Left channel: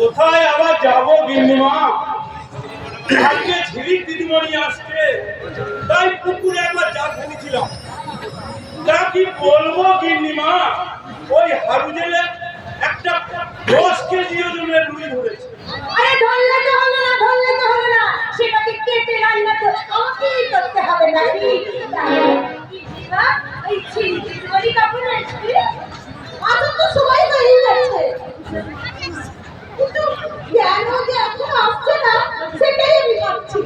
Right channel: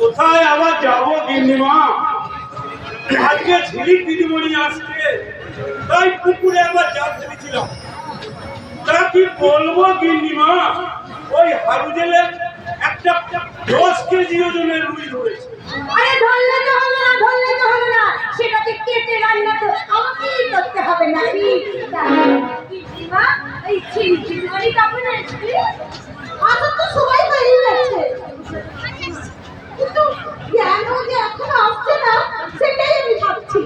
কোথায় আবার যাবো গিন্নিমা? আজকে ঝিলিক দিদিমণি আসছে, তাই পুকুরে একবার জাল ফেলেছিলাম। তা কি বলবো গিন্নিমা, ওই হারুজেলে একটা 10 কেজি ওজনের রুই ধরেছে। আরে ধরলে তো হলো না, ধরলে তো হলো না, সেটাকে কেটে রান্না তো আমাকেই করতে হবে নাকি? দিদিমা এই ঝিলিক দিদিমণি কখন আসবে? এখন তো সবাই বেরিয়ে যাচ্ছে, কিন্তু কেন যে এখন আসছে না সেটাই আমি ভাবছি।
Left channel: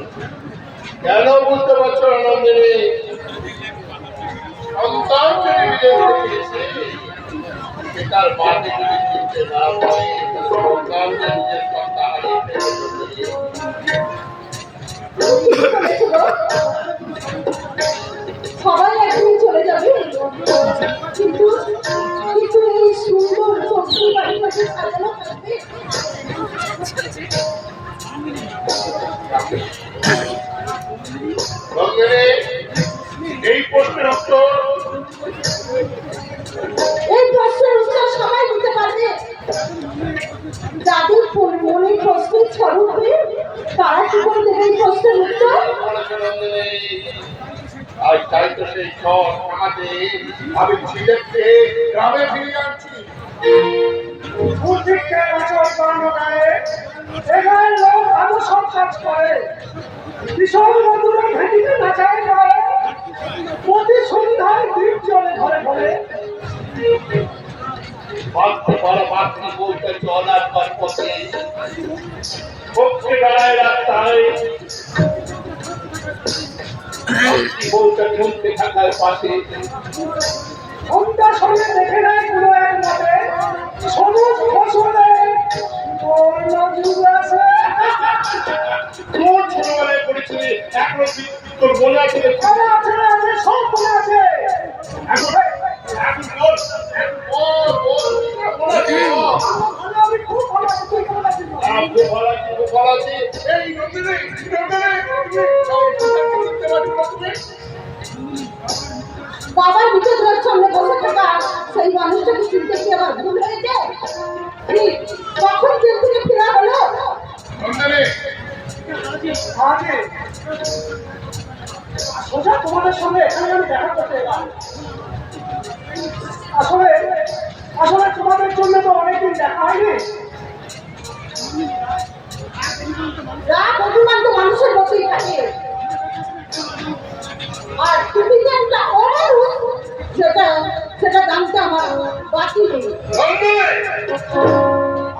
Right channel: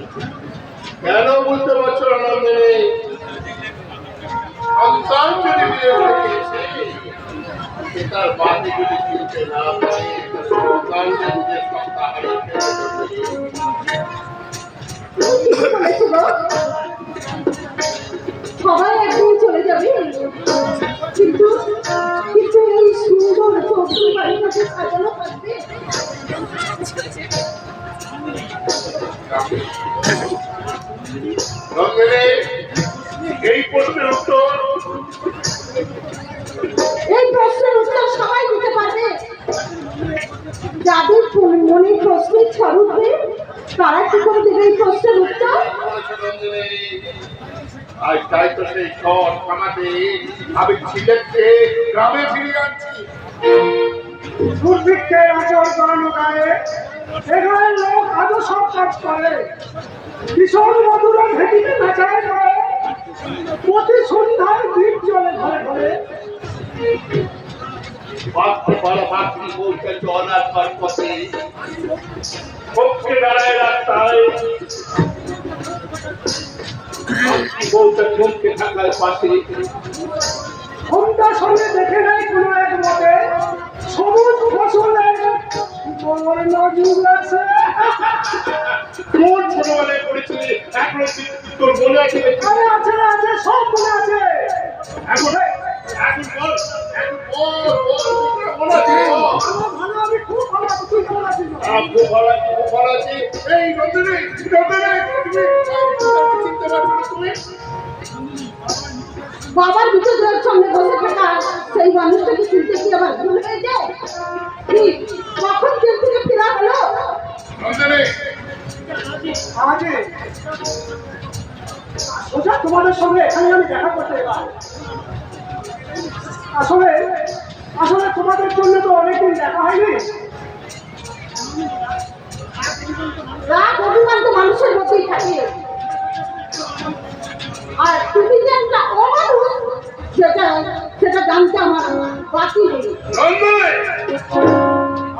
কেন বুঝতে পারছো না নন্দিনী? সন্তান যদি বিয়ে করে দিয়েছে, সেটার বাদে যদি চিনতে না পারে, সন্তান যে নিজের সত্তা হারিয়ে ফেলবে। সবাই একদিন চলে যাবে, কিন্তু কিন্তু এই সুন্দর চৌকি বাড়িটাকে সাজানো থাকবে। নন্দিনী, এই প্রশ্নের উত্তর সবাই দিতে পারবে। যাদের মনে প্রশ্নের ঝড় উঠবে তারা কি করে দেবে এই প্রশ্নের উত্তর? আজ তাই তো সেই ঝড় থামাতে আমি ঝিলেতে গ্রামে ফিরে যাচ্ছি। দুর্ভিক্ষে আচরণ করানো গায়ে এখানে লোক আজও সব কাজ করে। কিশোর মধুরা ভেটিতে নাচায় গায়ে, প্রতি সন্ধ্যায় দ্বীপ জ্বলে ঘরে ঘরে। বাক্য বড় বাক্যি বলতে চলার পর পথে পক্ষে দাঁড়ায় রাস্তায়, বলতে চমকে থাকার পাশে ঘন্টা সঙ্গে দেখে নেয় কোনো এক মতে সবুজ ফসলে বর্ণযুগ আছে। তোর ছোটবেলায় পড়েছিলি এখনো তোর মনে আছে? আরে আছে আছে, সব মনে আছে। এখন এখন বল, এখন বল বল মনে আছে? ভালো, আমি খুব ভালো আছি, তুই কেমন আছিস? খুব ভালো আছি, খুব ভালো আছি। এই নন্দিনী, চিনতে পারছো না তুমি? বাবার বিচের সামনে বসে থাকা সেই মানুষটাকে চিনতে কি আবার ভুল হয়ে যায়? কখন জেল থেকে ফেরা হলো? নন্দিনী, সোজা তোমাদের সঙ্গে এখানে আমি দেখা করতে এলাম। আসলে আসলে তোমাদের জন্য তো অনেকদিন দেখা হয়নি। রাগ অভিমান তো মানুষের মধ্যেই থাকে, আর তুমি যে একটা অমানুষ সেটা সেটা জানতে আমার বাকি নেই।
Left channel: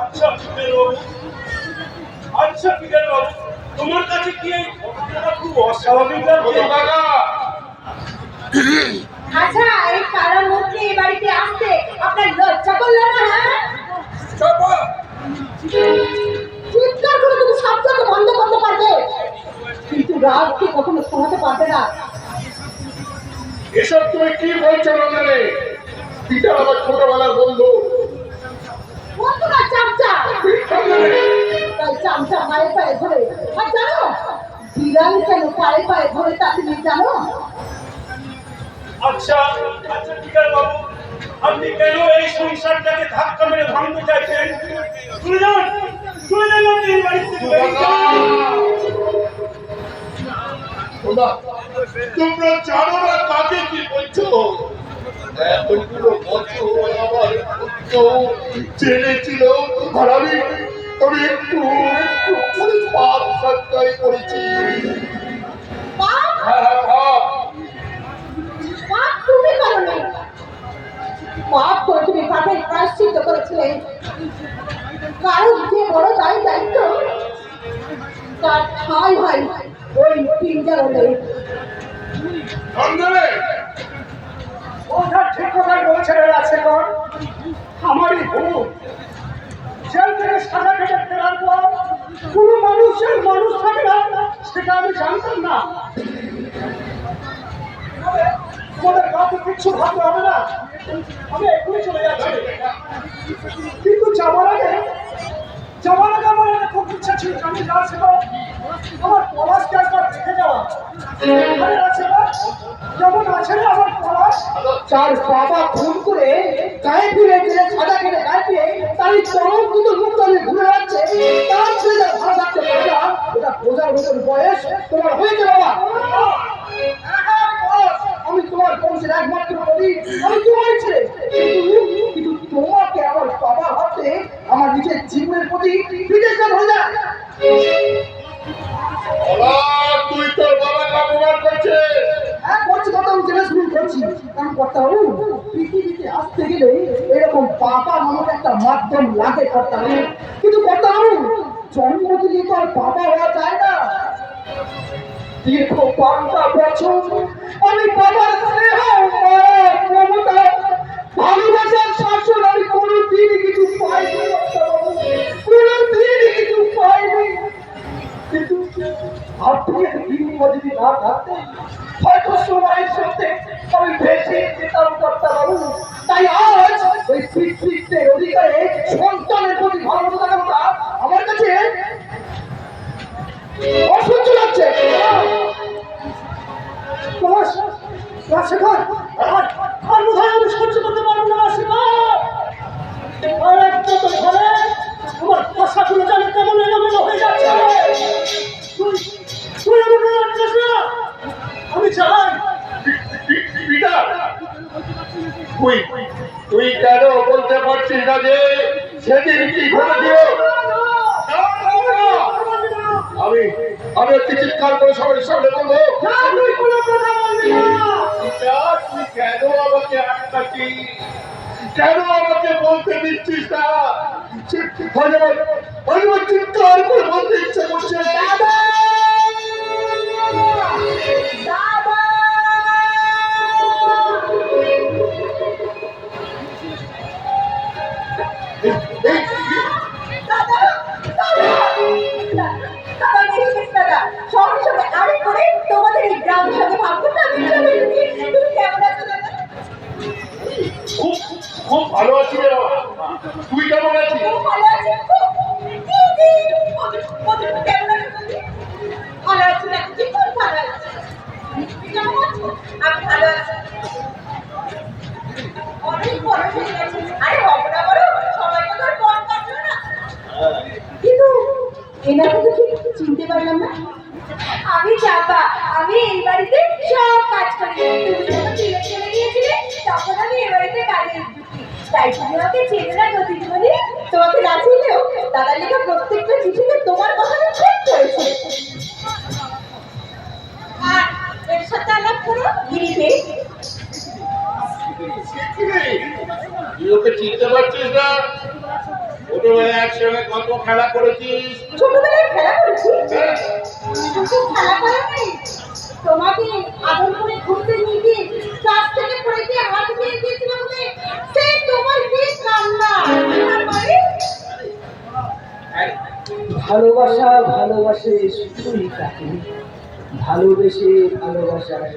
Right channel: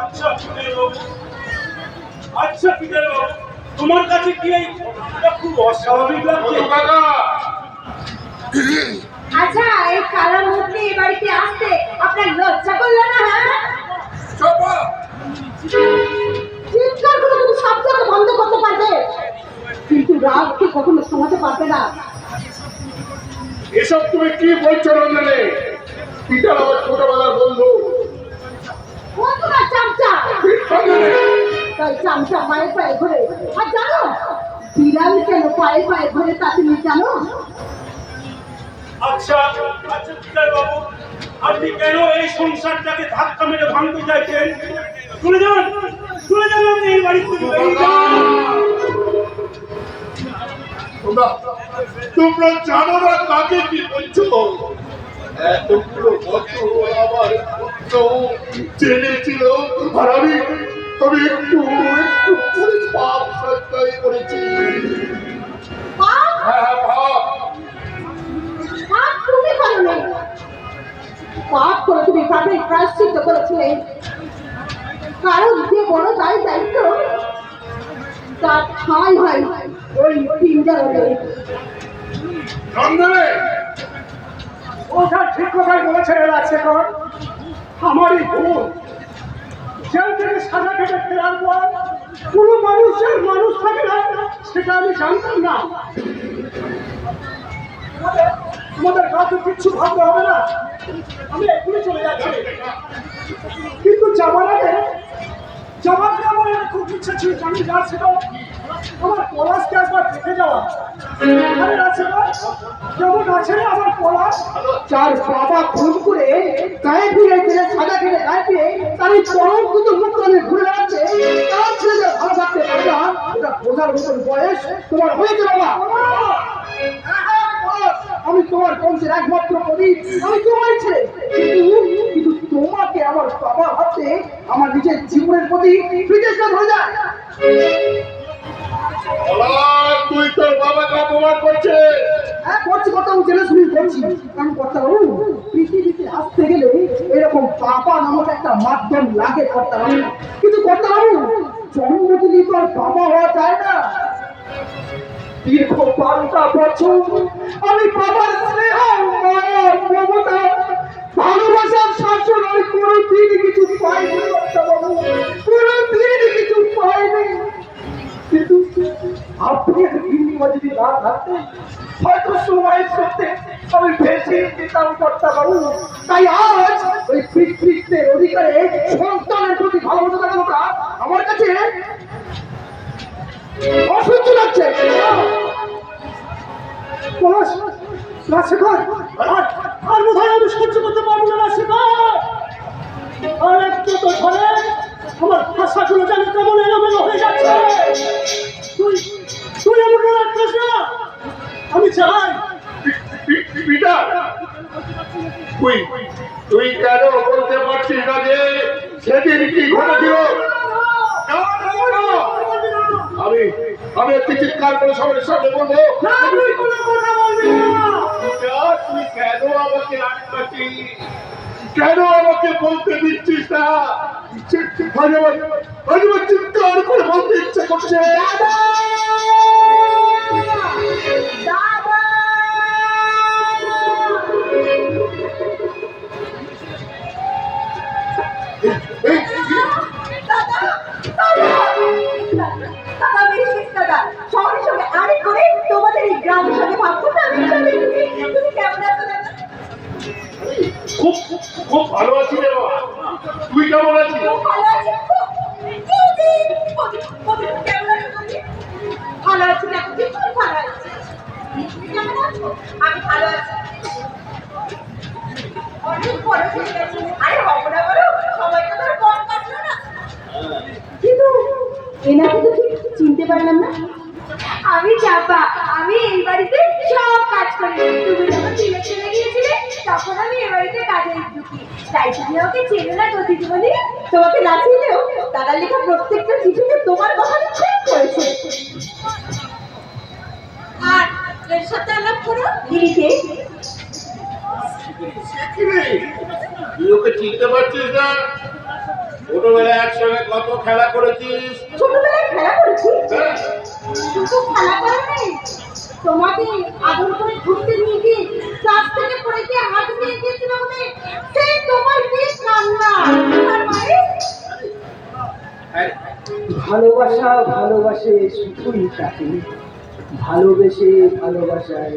আচ্ছা পিতার বাবু, আচ্ছা পিতার বাবু, তোমার কাছে কি এই ঘটনাটা খুব অস্বাভাবিক লাগছে? আচ্ছা, এই কালা মুখে এই বাড়িতে আসতে আপনার লজ্জা করলো না? হ্যাঁ, চিৎকার করে তুমি শব্দকে বন্ধ করতে পারবে, কিন্তু রাগকে কখনো থামাতে পারবে না। এসব তুমি কি বলছো নন্দিনী? পিতার আমার ছোটবেলার বন্ধু। বন্ধুরা চামচা, তাই চামচা পায়ে পায়ে ঘুরে। আর জানো বিড়াল কেন পায়ে পায়ে ঘুরে তা তুমি জানো? আচ্ছা আচ্ছা পিতার বাবু, আপনি কেন এই সংসারটাকে ধাক্কা মেরে ভাঙতে চাইছেন? চলে যান, চলে যান, আপনি এই বাড়ি থেকে বেরিয়ে যান। তোমরা জানো না কাকে কি বলছো? এতগুলো বছর আমার পুত্র জেলে ছিল, আর আমি একটু একটু করে পাপ সৎকারী করেছি। হ্যাঁ পাপ। পাপ তুমি করোনি, পাপ করে তুমি পাপের প্রায়শ্চিত্ত করেছিলে। কারণ যে বড় দায়িত্ব তার ঠাঁই হয় ওই পিঞ্জরে। ওটা ঠিক কথাই বলেছেন রাজশেখর। আমারই ভুল। জেল থেকে সাজা খেটে ফেরার পর সেটা আমি জানতাম না। তোমাদের কাউকে কিচ্ছু ভাবতে হবে না, আমি এক্ষুনি চলে যাচ্ছি। কিন্তু যাওয়ার আগে আমার একটা খুব ইচ্ছা ছিল, জানি যার সেটা আমার পলাশকে একবার দেখে যাওয়া। আরে আছে না, যেমন আছে না আমার পলাশ, চার বাবা খুন করে গায়ে ফিরে গেলে সাদা খেলে গায়ে ফিরে তার এই চরম কিন্তু মুখ করে ঘুরে যাচ্ছে, তার ছেলেটা ভালো থাকতে পারে না। ওটা বোঝার মতন বয়স তোমার হয়েছে বাবা। আমি তোমার বংশের একমাত্র প্রদীপ, আমি তোমার ছেলে, কিন্তু তোমাকে আমার বাবা হাতে আমার নিজের জীবনের প্রতি বিদেশে ধরে যায়। পলাশ, তুই তোর বাবাকে অপমান করছিস। হ্যাঁ করছি, কথা জেনে শুরু করছি। কারণ কর্তা বাবু, পৃথিবীতে আসতে গেলে এরকম বাবা নামক একটা মাধ্যম লাগে কর্তা বাবু। কিন্তু কর্তা বাবু, জন্ম দিলে তো আর বাবা হওয়া যায় না। দীর্ঘ 12টা বছর আমি বাবার স্নেহ, মায়া, মমতা, ভালোবাসার শাসন আমি কোনোদিনই কিছু পাইনি কর্তা বাবু, কোনোদিনই কিছু পাইনি। কিন্তু আপনি যদি না থাকতেন হয়তো সময়ের সত্যি আমি ভেসে যেতাম কর্তা বাবু। তাই আজ ওই পিতৃত্বের অধিকারে সন্তানের প্রতি ভালোবাসা থাকাটা আমার কাছে অসহ্য লাগছে। রাজশেখর, আর বোধহয় আমি সহ্য করতে পারবো না রাজশেখর। আর একটা তো ধরে আমার ভাষাগুলো যেন কেমন এলোমেলো হয়ে যাচ্ছে। তুই আমাকে রাখিস না, আমি চাই। পিতা, তুই কেন বলতে পারছিস না যে সেদিন কি ঘটেছিল? আমি একটি চিৎকার করে সবার সামনে বলবো। তুই কোনো কথা বলবি না। পিতা, তুই কেন আমাকে আটকাচ্ছিস? কেন আমাকে বলতে দিচ্ছিস না? আমার চিৎকার করে বলতে ইচ্ছা করছে। তোমাদের এই গ্রামের সাথে ভাববো না আমি তুমি কেমন আছো দাদা? খুব খুব ভালো আছি রে বাবা। তুই কেমন আছিস? খুব ভালো আছি, কেমন আছো তুমি? ভালো আছি না, খুব ভালো আছি। তুমি কেমন আছো? আমি ভালো আছি। অনেক বড় হয়ে গেছে। আরে হবো না বড়, সময়টা তো আর কম কাটলো না। কিন্তু এনাকে তো ঠিক চিনতে পারলাম না। আমি চাপা, আমি এই বাড়িতে সব কাজ করি। তুমি যখন চলে চলে গিয়েছিলে তখন আমি এই বাড়িতে কাজে ঢুকি। তাই তুমি আমাকে চেনে না গতিতে বলি। তোমাকে না চিনলেও দাদার লেখা প্রত্যেকটা চিঠিতে তোমার কথা খুব করেছে। আর এর সাথে আলাপ করো গিরিকে। তুই ওকে চিনতে পারছিস না? ছোটবেলায় একসঙ্গে কত খেলা করেছিস। ছোটবেলায় খেলা করেছি, শুধু খেলা করে নেই, তোমাকে আদর করে ঘুরতে নিয়ে গিয়ে ক্লাস থেকে পড়ে গিয়ে হাত দিয়ে গিয়েছিল বলে সে তোমার কি কান্না। আর মানে ভালোবাসা ভালোবাসে শুধুই তাকে, ভালোবেসে ভালোবাসায়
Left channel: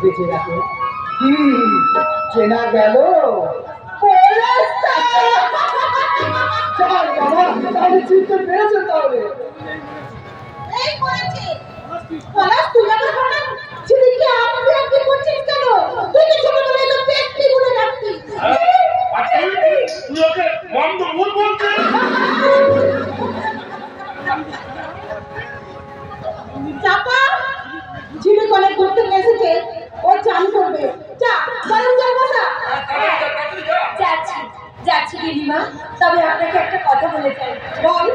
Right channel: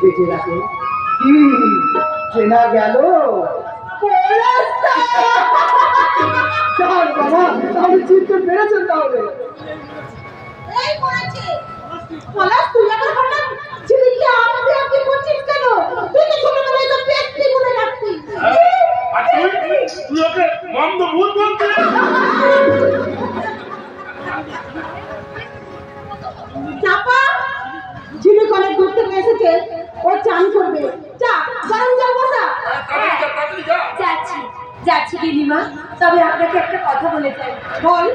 বেঁচে রাখে। কি চেনা গেল? বাবা, তাহলে চিনতে পেরেছেন? তাহলে এই করেছে পলাশ, তুই আমার বললাম ছেলেকে আপনি করছিস কেন? তুই তো ছোটবেলায় তো পেটটি করে রাখতিস। আর তুই ওকে মন্দ ভুল বলছিস? চাপা ঝিলে কলে ঘুরতে এসেছে, ও চান করবে। যা গরম জল বসা। যাচ্ছি যাচ্ছি দিদিমা, তবে আপনাকে একটা কথা বলে চাই। বল।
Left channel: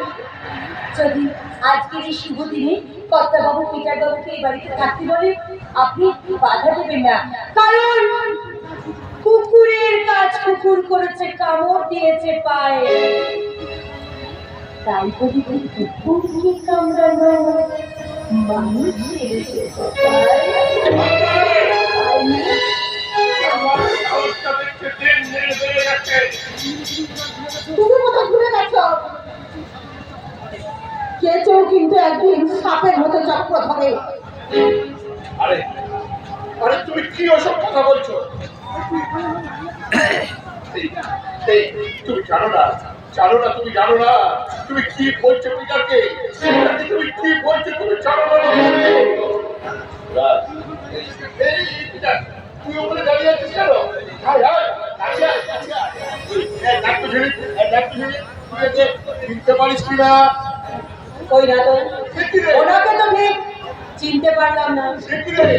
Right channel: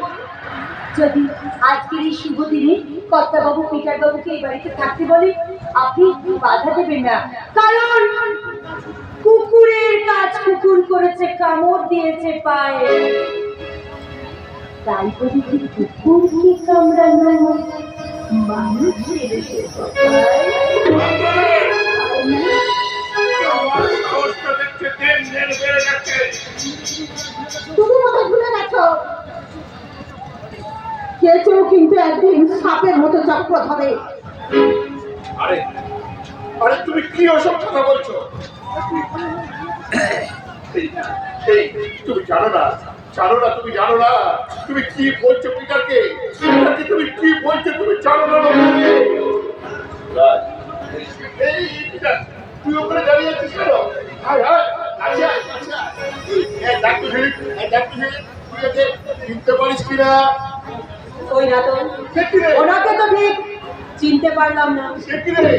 যদি আজকের এই শুভ দিনে কর্তাবাবু পিটার বাবুকে এই বাড়িতে থাকতে বলে আপনি বাধা দেবেন না, কারণ কুকুরের কাজ কুকুর করেছে, কামড় দিয়েছে পায়ে। তাই যদি কুকুরকে কামড়ানো মানুষ ছেড়েছে তুমি কোথায় ঘুরে গেছো? কেঁচো কিন্তু একদিন সাপের মতো চক্র ধরে। আরে আরে তুমি কি ওসব কথা বলছো? এই, এই, তুমি জানো না তুমি জানো না তুমি কি বলছো পিটারকে? তুমি কি বলছো তুমি জানো না? রাজ, এই পিটার, তুই উপরে দাঁড়িয়ে আছিস কেন? হায় হায়, কাছে আয়, কাছে আয়। এই, ডাক্তার ছেলে, তুই একে চিনতে পারিস কিনা? ওই না তো, সে কি রে? ওনাকে তো ঠিক চিনতে পারলাম না। সে কি রে?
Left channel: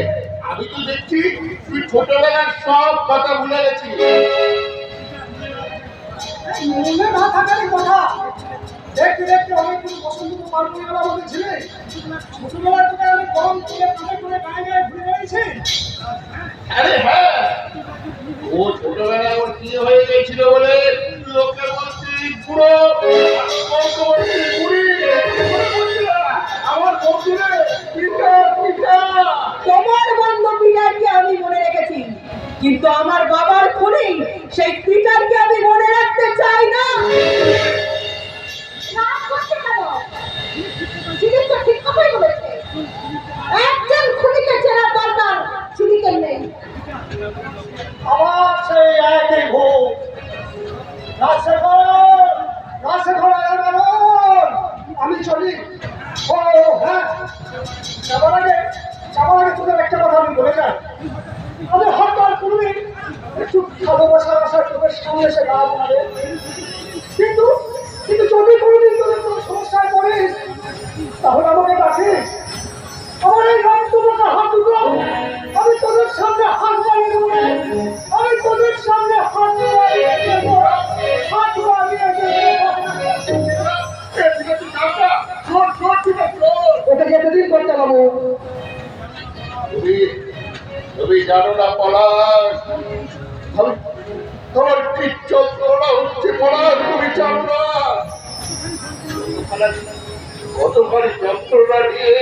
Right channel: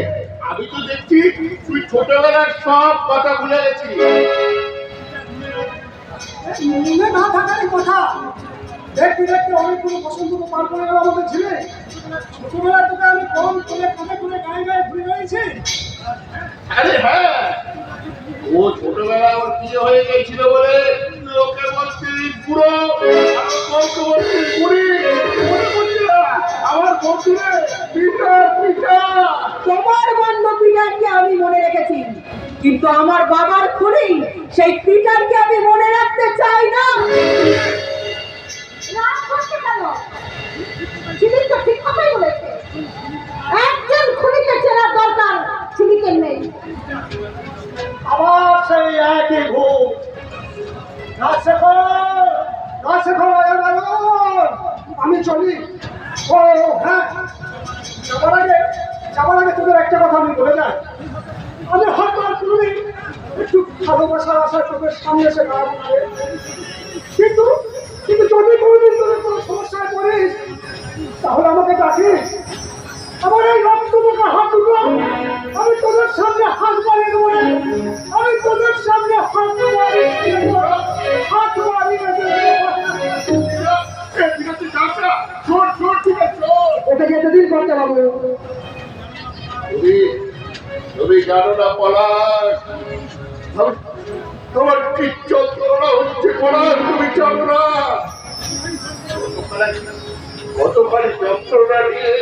আমি তো দেখছি তুই ছোটবেলার সব কথা ভুলে গেছিস। মনে না থাকারই কথা। দেখতে দেখতে অনেকগুলো পছন্দ তো পার করে গেল আমাদের ছেলে। ছোটবেলায় তোকে আমি কম করে কামে করে গায়ে গায়ে ঘুরে বেড়িয়েছি। আরে হ্যাঁ, ও ছোটবেলায় ওর বিয়ে হয়ে গেছিল বলে লোকে বলছিস বুড়ো, আর বউকে বলছিস বুড়ি। মনে পড়ছে না? আমার বন্ধুরে পিতা পিতা। তোমার বন্ধু পিটারকে আমি মনে রেখেছি, কিন্তু আমার বাবার খুনি সেই পিটারকে আমি মনে রাখতে চাই না। রাগ করছে কেন? ঝিলিক তো ঠিক কথাই বলেছে। একজন খুনিকে চেনার দরকার ঝিলিকের নেই। আবার সেই একই ভুল। রাজশেখর এবার আমি চলি। ও হ্যাঁ, যাবার আগে তোদের একটা কথা আমি বলে যাই। আমি হয়তো আর কোনোদিন একটু ভালোবাসার আশায় তোদের সামনে এসে দাঁড়াবো না রে। কিন্তু কিন্তু যদি কোনোদিন তোদের কোনো সমস্যায় পড়িস তাহলে আমাকে ডাকিস। আমার এই রক্তমুখা হাত দুটো আমি তোদের সামনে হাত বাড়িয়ে দেবো রে। আমি তোদের সামনে হাত বাড়িয়ে দেবো। হাত বাড়িয়ে দেবো। এ পিতাজি কাকা, চোর চোর পিতা চোর। ওকে যেতে দিন করতে বাবু। তুমি জানো না পলাশ, তোমার কি যন্ত্রণা হচ্ছে পলাশ, তুমি জানো না? গতকাল যন্ত্রণা নিয়ে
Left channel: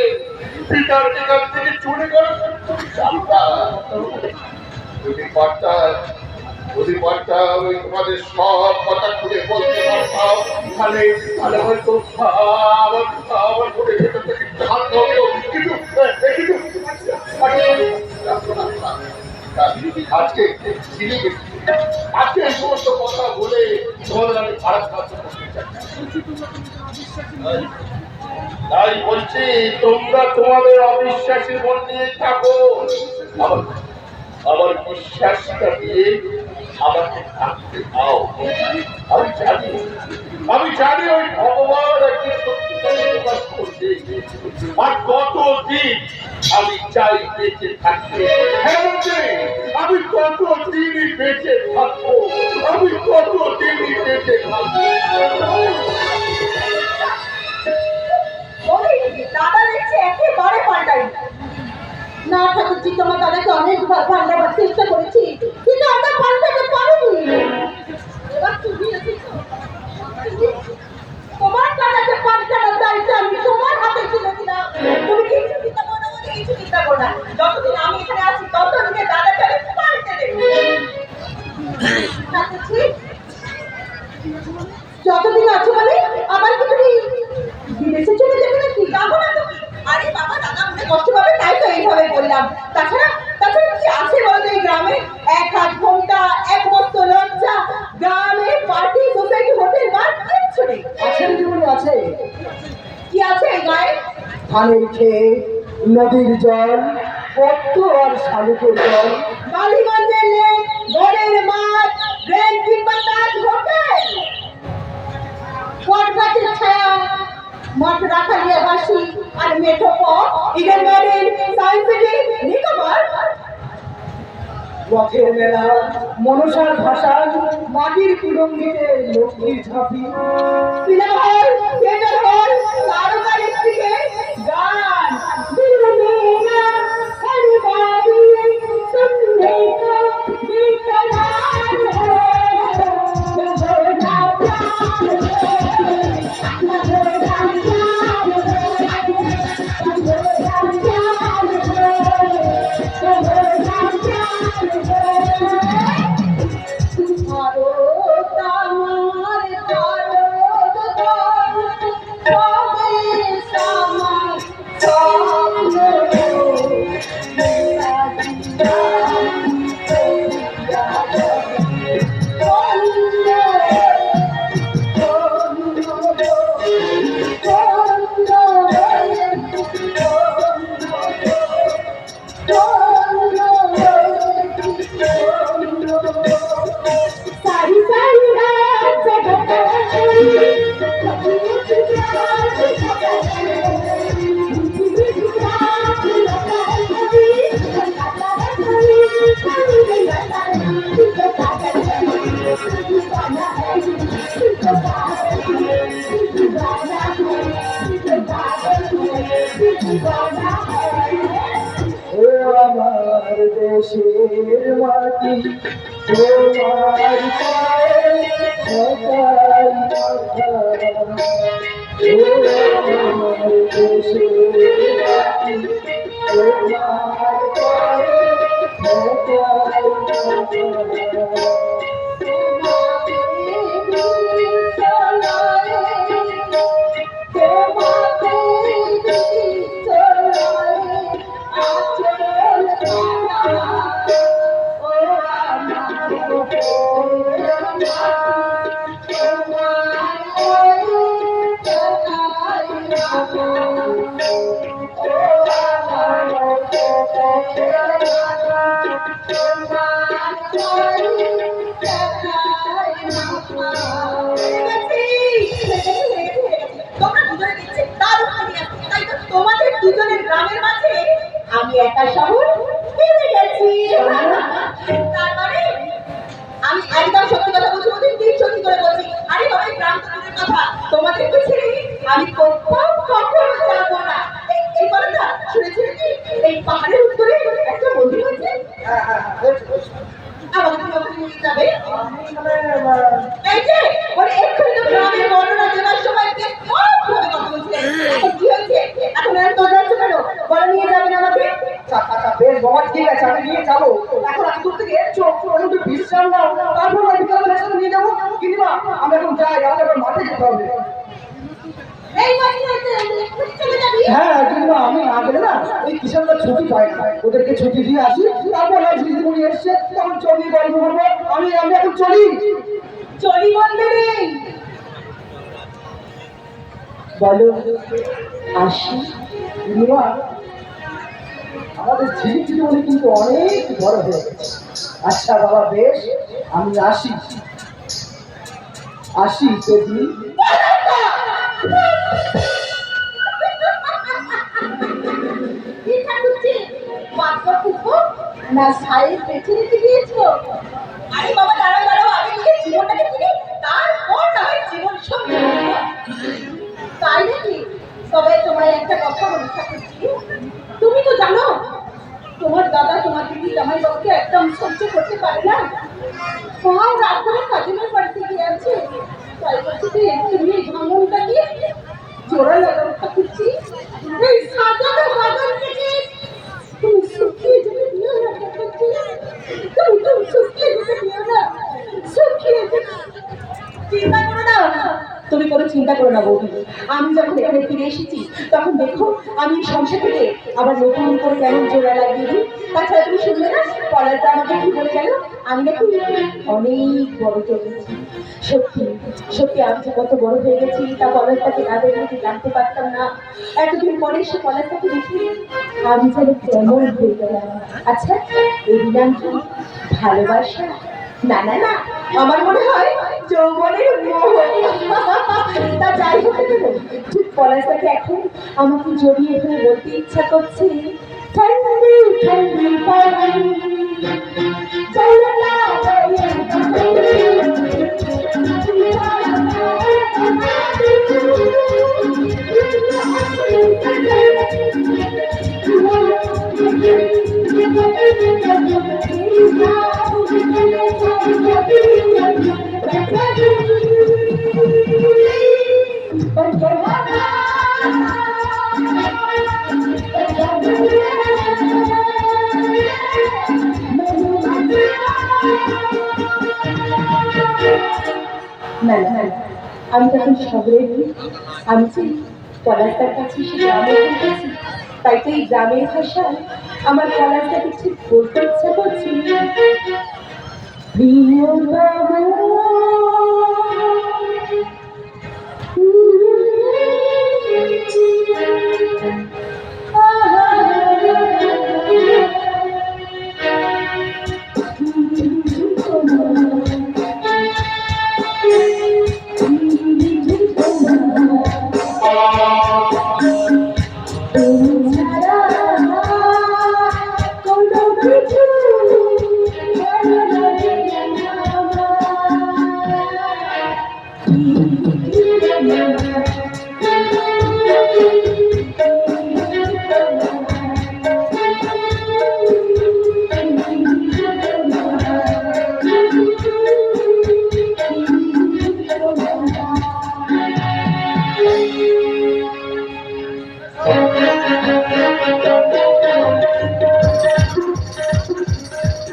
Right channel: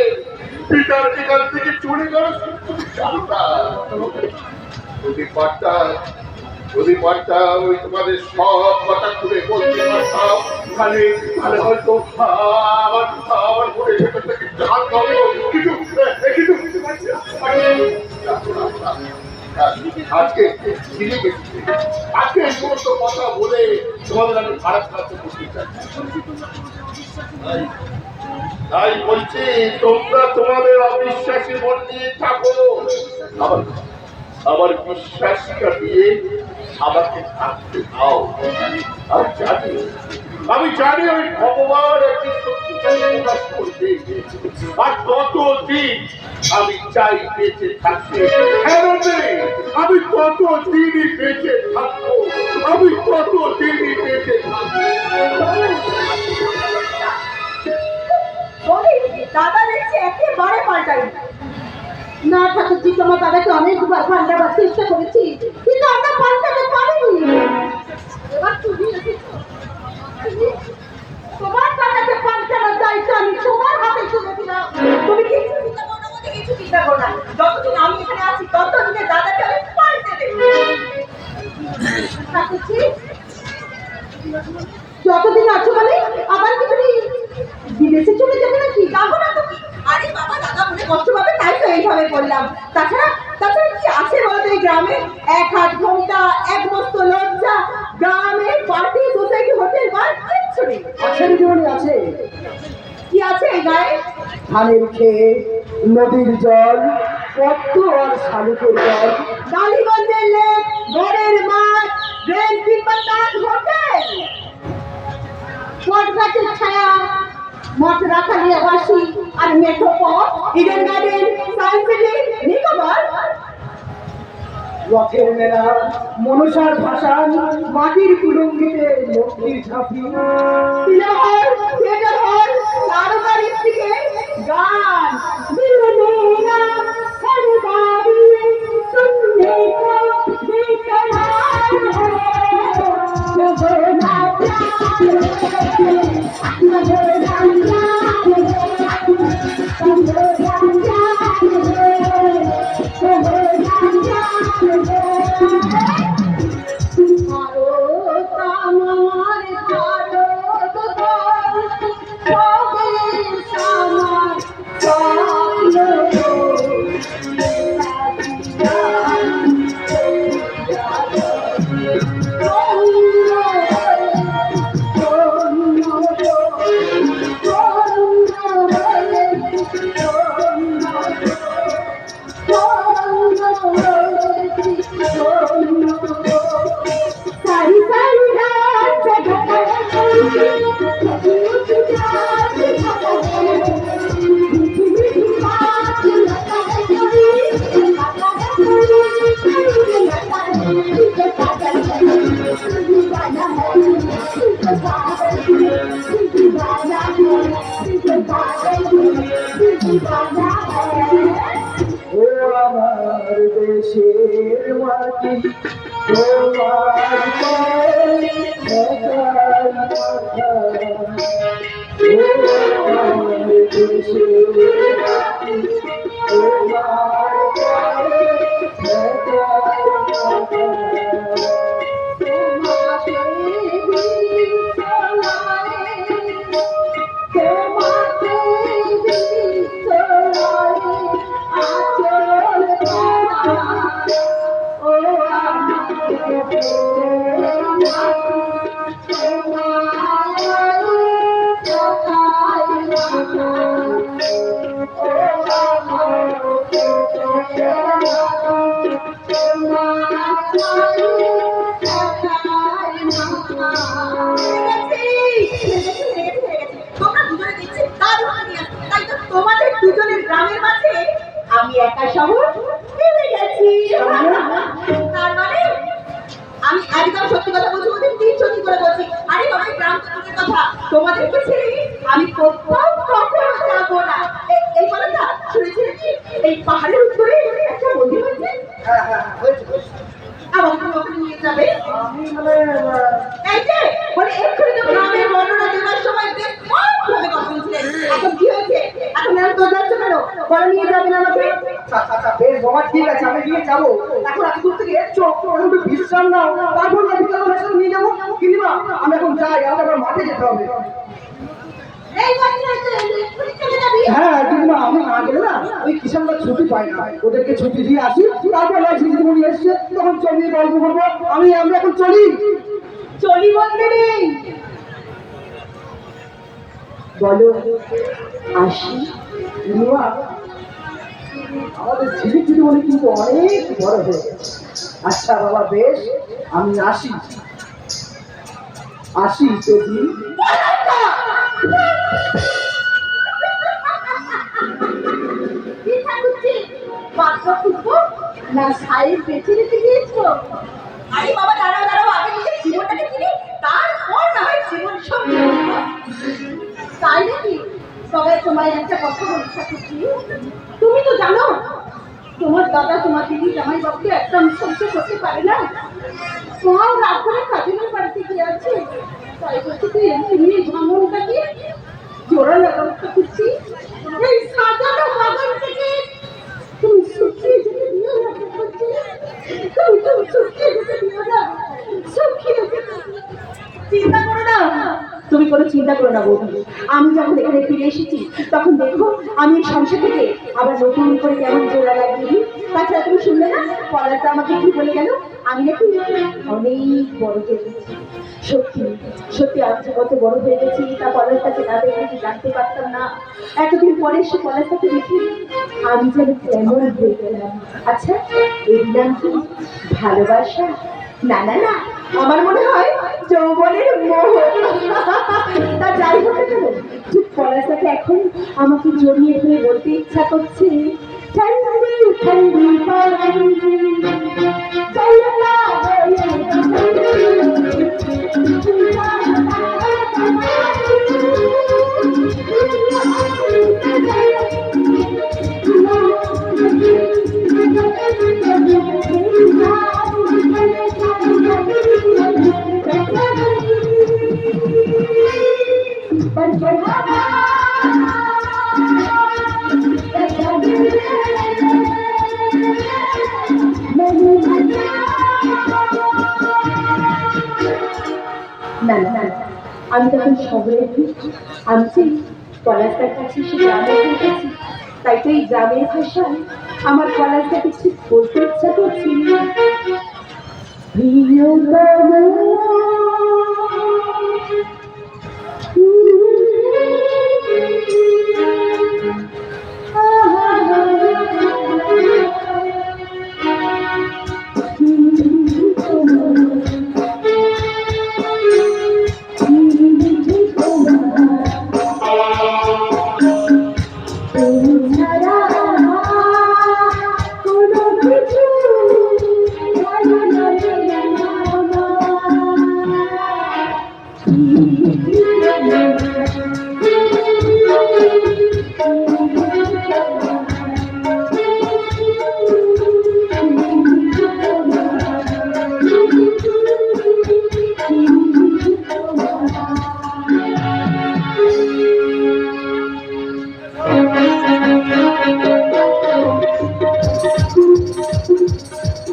পিতার এখান থেকে চলে গেল, তুমি জানো না? যদি পারতাম ওই তোমাদের সব কথা খুলে বলতে পারতাম, তাহলে হয়তো আমার মনে ভেতর থেকে জান হবে। কিন্তু আজকে আজকে এই সমস্ত কথা বলে তোমাদের আমি খারাপ সাহায্য করতে চাই। তাই বলছি, তোমরা তোমাদের অবিশ্বাসী মন নিয়ে থাকো, আমার বিশ্বাসটা দিয়ে আমাকে থাকতে দাও। আমি জানি ওই ভগবান একদিন সত্যিটাকে প্রকাশ করবে, আর ততদিন আমি চাই বেঁচে থাকতে। হ্যাঁ আমি ততদিনই বেঁচে থাকবো, আমি ততদিনই বেঁচে থাকবো। দাদা দেখছি একেবারে পাল্টাই। না ঠাকুরজি, তোমার দাদাকে অনেকবার পাল্টাবার চেষ্টা করেছি, কিন্তু আমরা পাল্টাতে পারিনি। এবার তুমি এসেছো। তোমার দাদাকে পাল্টানোর দায়িত্ব আমি তোমার হাতে তুলে দিলাম। তুমি কিছু চিন্তা করো না, বলতে কিছু চিন্তা করো না। যতদিন আমি এখানে আছি ততদিনে দাদাকে আমি পাল্টে দেবো। ঠাকুরজি, যতদিন আছো মানে আবার কি তুমি বিদেশে চলে যাবে নাকি? যাবো না তুমি। আরে বাবা, দাদা মনে কষ্ট পাবে তাই তো এইভাবে বললাম। তাছাড়া কি আছে বলতো এই গ্রামে? এক হাত ঘন্টা, এক বস্ত লজ্জা, গ্রামে পার্টি, সোসাইটি, হোটেল, বার কিচ্ছু নেই। আছে জীবনে আছে। কি আছে এই গায়ে? ধানের খেত, নদীর জল, পদ্ম আর শালুকের জল, বালিগঞ্জের লেক, গড়ের মাঠ, গ্র্যান্ড কিংবা তাজ হোটেল, বট গাছের ছায়া, মঠ রাখালিয়া বাসি আর মেঠোপথ, Eden Garden, Science City, Nicobar. রথের মেলা, মনসার ভাসান, মাটির কুলুঙ্গিতে লক্ষ্মীর ঝাঁপি, সিনেমা হল, থিয়েটার হল, তারকার স্ত্রীকে গান। ভারত আমার ভারত ও আমার দেশের মাটি তোমার পায়ে ঠেকাই মাথা। ও আমার দেশের মাটি তোমার পায়ে ঠেকাই মাথা। তোমাদের দুজনের গ্রামের মাঝে আমি একা শহর পেতে গেছি। তার মানে আমি একদম সত্যি কথা বলছি, ওদের ঠিক সত্যি করে বলছি। আরে বাবা, গ্রাম তো দূরের কথা, তোমাদেরকে ছেড়ে আমি কখনো যাবো না। এই বলে না, শুনেছি নাকি এই পাহাড়ের উত্তরে একটা মন্দির হয়েছে? আমাকে তুমি ওখানে নিয়ে যাবে? এই যে বলে এক্ষুনি তো গ্রামের বর্ণনা দেওয়ার সময় বেশ ভাবে কথা বলছিলেন, এখন কি হয়েছে? এখন আর তো যাচ্ছ কেন? বলে নিয়ে যাবেন আমাকে? বেশ বাবা, ঠিক আছে, আমি নিয়ে যাবো। এখন এত দূর থেকে এসছো, একটু বিশ্রাম নাও, তারপর বিকাল বেলা নিয়ে যাবো। কিন্তু আমি এখন যাই, আমাকে আবার মাঠে যেতে হবে। এই বলে এক্ষুনি চলে যাবি? হ্যাঁ, কিন্তু না, আমি না গেলে না ওই কিষানরা ছুটি পায় না, ওদেরকে ছুটি দিয়ে আসি, তারপর ঝিঝিমুনি এসছে তখন চলিয়ে গল্প করবো। আমি এখন চলি। চলি বলতে নেই, বলো আসি। বন্ধুরা, আমাদের ঝিলিক জীবনে কিন্তু অনেক বড় হয়ে গেছে। আচ্ছা বাবা, বেশ, আমি আসি যদি। কি ঠাকুরছি বাচ্চা খুঁজবো না সাইড বেছে নিতে গিয়েছো? আরে বাবা, দাঁড়াও দাঁড়াও, আগে নিজের জীবনটাকে চিনি, তারপর না হয় জীবন সঙ্গী। তাই নাকি? তবে তোমায় একটা কথা বলি ঠাকুরছি, তুমি তো জানো তোমার দাদা তোমার দিদি জামাই বাবুকে একদম সহ্য করতে পারে না। তোমার রাত করে কাজিনের বাড়িতে গিয়ে আছে, তাই বলছি তুই এমনি ভাঙনটাকে জোড়া লাগাও ঠাকুরছি। এই সাজানো বাগান থেকে তুমি শুকিয়ে যেতে দিও না ঠাকুরছি, তুমি শুকিয়ে যেতে দিও না, শুকিয়ে যেতে। চিন্তা করো না, তুমি কোনো চিন্তা করো না বৌদি। আমি যখন এখানে ফিরে এসেছি তখন দেখো আমি এই সংসার থেকে আবার নতুন করে কেমন জোড়া লাগিয়ে দিই। তাছাড়া তুমি শুনলে না পলাশদা আমাকে কি বলে গেল? আমি নাকি অনেক বড় জমেছি। সত্যি সত্যি আমি যে কত বড় হয়ে গেছি তা পলাশদাকে না দেখলে কি জানতে পারতাম না। এতদিন পরে সে পলাশদাকে দেখি আমি যেন কেমন হয়ে গেলাম। আচ্ছা, এই নাম কি ভালোবাসা? না না না, আমার মনে হয় যৌবনের মোহ। তা যাই হতে পারে, ঠিক পলাশদাকে এখন আমাকে জড়িয়ে ধরে বলতে ইচ্ছা করছে, ঠান্ডি ঠান্ডি পানি চলো না না না না, আমি তখন শহরে নেই, আমি যে পলাশদার কাছে সে গ্রামে গেছি, তাই তো এই গ্রামের ভাষায় আমার পলাশদাকে ঠিক বলতে ইচ্ছা করছি, প্রিয়তম